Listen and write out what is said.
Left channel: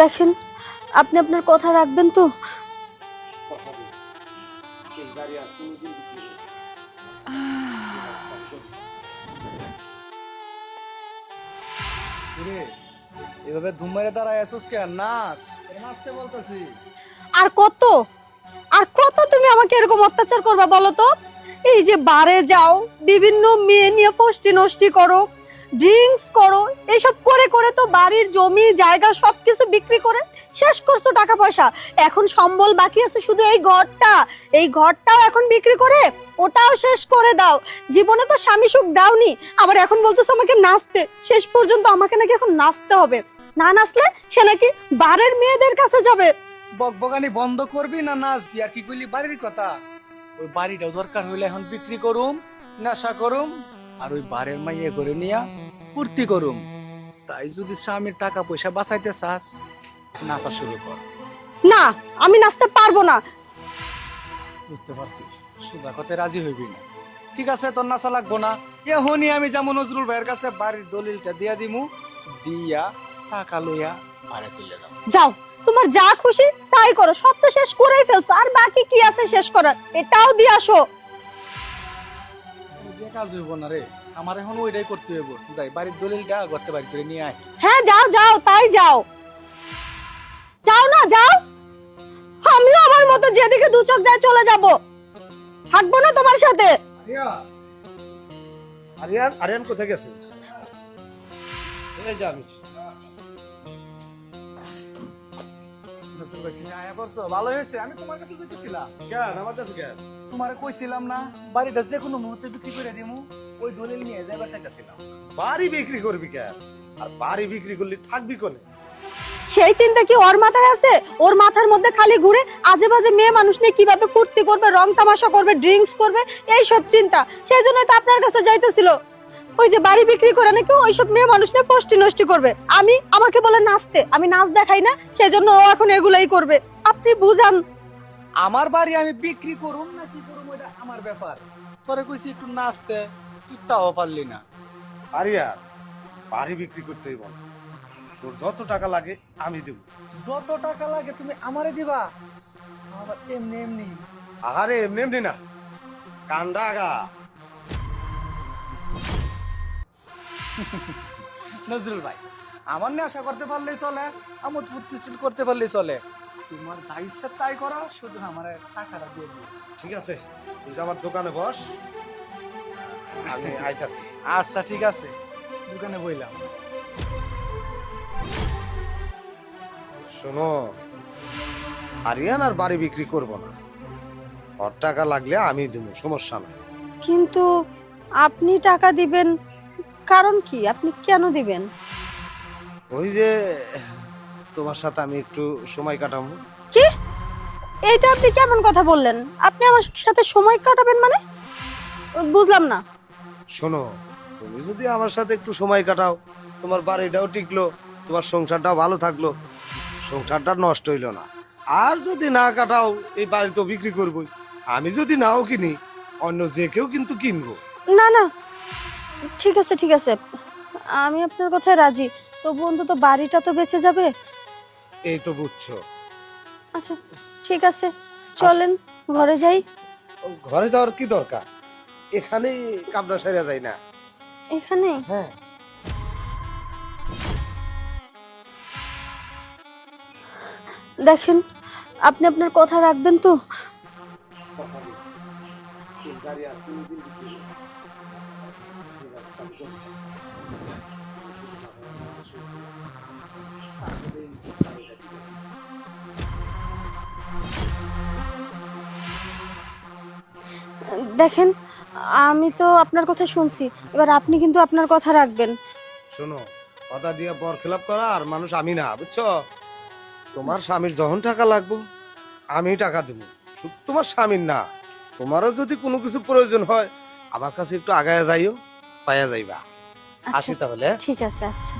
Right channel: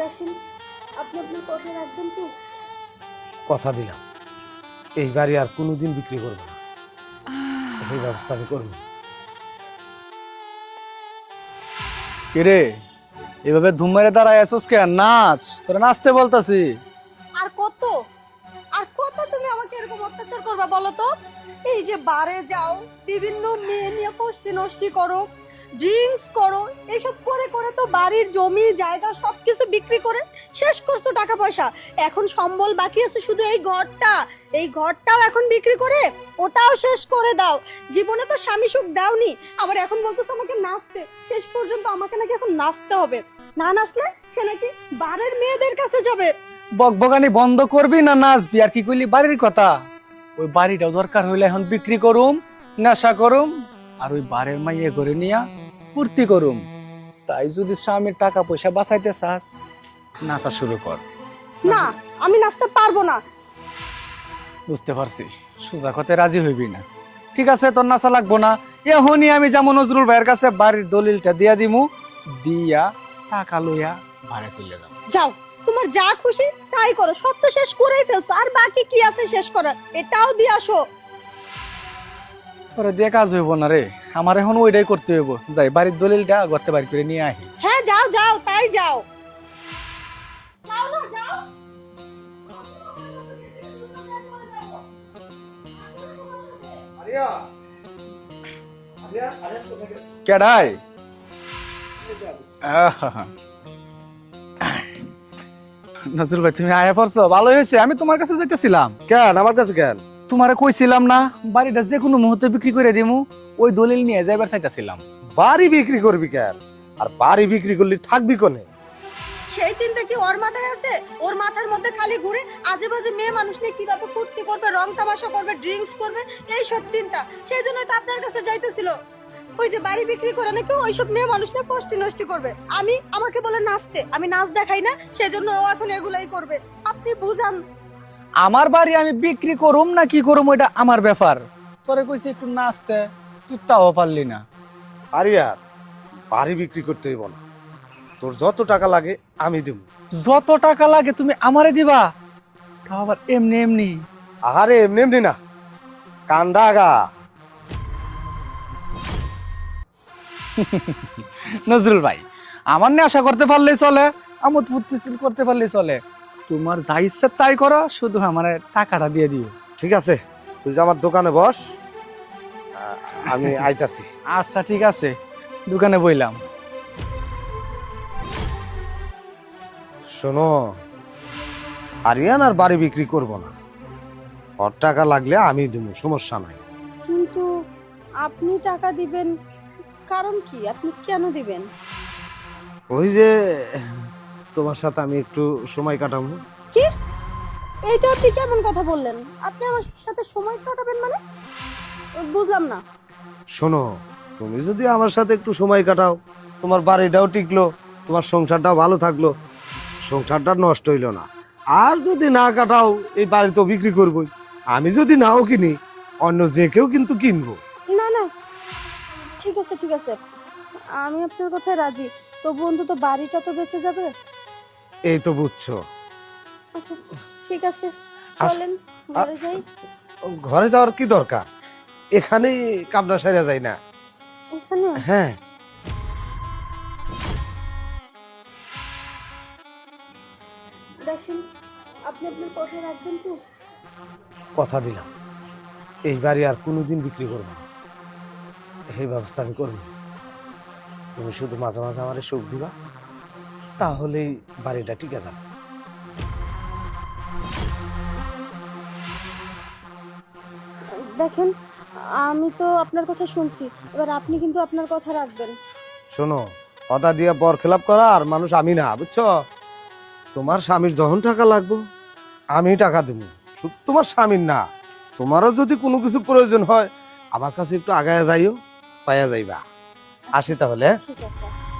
দেখেন, আপনি আপনার কথা রাখবেন তো? কথা দিলাম, এই বাড়ি আর কোনোদিন বিক্রি করব না। এই ব্যবস্থা আমি করব। কিরে এভাবে ধুম মেরে দাঁড়ায় আছিস কেন? নাচ, তোরা নাচতে বলতাছি। আর কত আর কত তুমি আমাকে এরকম অত্যাচার করবা বলো তো? এই যে বারে যাও, বিভিন্ন মেয়ে নিয়ে ফষ্টি নষ্টি করো, ড্রিঙ্কস করো, এসব করে করে তো বাড়ির জমি জায়গা সবকিছু বিক্রি করে শেষ করছো টাকা পয়সা। এখন সম্বল বাকি আছে শুধু এই ঘরটাও এখন বিক্রি করে ওটাও শেষ করে দাও। জীবনে তো স্বামী সুখ দাওনি, আবার এখন বলতেছো আমাকে নাচতে। শেষ পর্যন্ত আমাকে নাকি এখন নাচতে হবে, না নাচলে সে নাকি বাড়ির মেয়েদের কাছে যাবে। বকবকানি বন্ধ করবি না নাচবি? আর কি কইলি বাড়ির কথা? ওই বাড়িটাও দরকার হইলে এখন বিক্রি করুম, নেশা করুম, আর ওই বাড়ির মাইয়ে করে নিয়া ফুর্তি করুম। তাই যদি স্বামীর টাকা পয়সা বাঁচাইতে চাস, নাচা শুরু কর। না, আমি নাচতে পারবো না। বুঝতে পারছি, সোজা কথায় রাজি হইবি না। ঠিক আছে, তোর নাচা লাগবো না। এখনই আমি যেমন নজরুল ভাইয়ের কাছে বাড়ির দলিলটা দিয়া দিমু, দিয়া টাকা লইয়া বাড়ি চলে যাবো। যাও, তোমার যা খুশি তাই করো, সব তো শেষ করেই ফেলছো, আর বাকি কি আছে শেষ করার? এটাও দিয়ে আসো। তোরে দিয়ে কাজ হইব না রে, আমার এখন ওইটাই করতে হইব। যাই বাড়ির দলিলটা ঘরতে বাড়ি করে নিয়ে আহি। হ্যাঁ যাও যাও, তাই যাও। যাও না, যাও। আমিও আমার মতো যেদিকে দু চোখ যায় চলে যাব, থাকবো না তোমার সাথে। আরিয়ান, আরিয়ান, আরিয়ান কোথায় গেছে? কেডাই? এই যে আমি। নজরুল ভাই, তুমি আয়া পড়ছো, ভালো হয়েছে। আমি তোমার কাছে যাইতেছিলাম। কেন আমার কাছে কেন? তোমারে কইছিলাম না বাড়িটা যে কোনো মুহূর্তে বিক্রি করে দিমু, ওই দলিল নিয়ে যাইবার চাইতাছিলাম। বাড়ি বিক্রি করবি কেন? আর বাড়ি বিক্রি করলি থাকবি কোনে? সেই চিন্তা কি ওর মাথায় আছে? ওর মাথার মধ্যে খালি ঘুরে আজে বাজে মেয়ে মানুষ নিয়ে কিভাবে ফুর্তি করবে, রং তামাশা করবে, ড্রিঙ্কস করবে, এই সব চিন্তা। সেই জন্যই তো আপনার কাছে যাইতেছিল। ওই যে বাড়ি বিক্রি করে নাকি ওইসব মেয়ে মানুষ নিয়ে ফষ্টি নষ্টি করবে। আমাকে বলে নাচতে, আমি নাচ দেখাই না, সেই জন্য ও এখন এগুলাই করবে। আপনি বুঝান। আমার বাড়ি আমি বিক্রি করুম না কি করুম ওইটা আমার ব্যাপার। তোরে কইছি একটু নাচতে, তুই তাও পারলি না। আরিয়ান, বাড়ি বিক্রি করতে হইব না। তোর যত টাকা লাগে আমি দেব। যত টাকা লাগে তুমি আমারে দিবা? তাও আবার এমনি এমনি? আহারে, এমনি এমনি না, কান্দা আগা। নজরুল ভাই, আমার নিয়ে আশা করতে পারলেই চলে, আমোদ ফুর্তি করতে পারলেই চলে। তোমার যা ইচ্ছা তাই করো, শুধু আমার টাকাটা দিয়ে দিও। ঠিক আছে, তুই যে আমার দোকানে বস, আমি আইতাছি। আচ্ছা ঠিক আছে, দোকানে বইলাম। শোনো, আরিয়ান আর বাড়ি বিক্রি করব না। ওর টাকা লাগলে আমি দেবো, সমস্যা নাই। কিন্তু আপনি টাকা দিবেন, কারণ কি? আপনি কেন দিবেন? ওই যে তোমার সাথে আমি একটু সময় কাটাবো। কি? এইটা আপনি কেমন কথা বললেন? আপনি আমার সাথে সময় কাটাবেন মানে? বুঝলাম না। শোনো, তুমি যদি আমার সাথে একটু সময় কাটাও, তোমার বাড়িটাও টিকলো, তোমার সংসারটাও ভালো থাকলো, সংসারটা নষ্ট হইলো না। আর যদি না কাটাও, এই বাড়ি তো বিক্রি করবোই। আমি যদি নাও কিনি, অন্য যে কেউ কিন্তু কিনবো। না না, ঠিক আছে ঠিক আছে, আমি আপনার কথায় রাজি। তবু অন্তত বাড়িটা তো বেঁচে যাবে। এই তো বুঝছো। আচ্ছা ঠিক আছে, চলেন ঘরে যাই। ঘরে যাওয়ার কি দরকার? এখানেই কামনা সেরে যায় না? এখানে? হ্যাঁ। দেখেন, আপনি আপনার কথা রাখবেন তো? কথা দিলাম, এই বাড়ি আর কোনোদিন বিক্রি করবো না। এই ব্যবস্থা আমি করবো। তুমি শুধু মাঝে মাঝে আমার সুখ দিবা, তাহলেই বাড়িটা ঠিক আছে। দেখেন, আমি তো আপনার কথা শুনছি, এবার আপনি কিন্তু আপনার কথা রাখবেন। শোনো, কথা দিয়ে বর খেলাপ করা আর মানুষ আমি না, বুঝছো? তোমার স্বামীর যখন টাকা লাগবে আমি টাকা দেবো, শুধু তোমার স্বামীর না। তোমারও যদি কোনো কিছু প্রয়োজন হয় আমার কাছে একটু আগায় যাইও, পাইয়া যাইবা। আচ্ছা, আসি তাহলে। ঠিক আছে, আচ্ছা।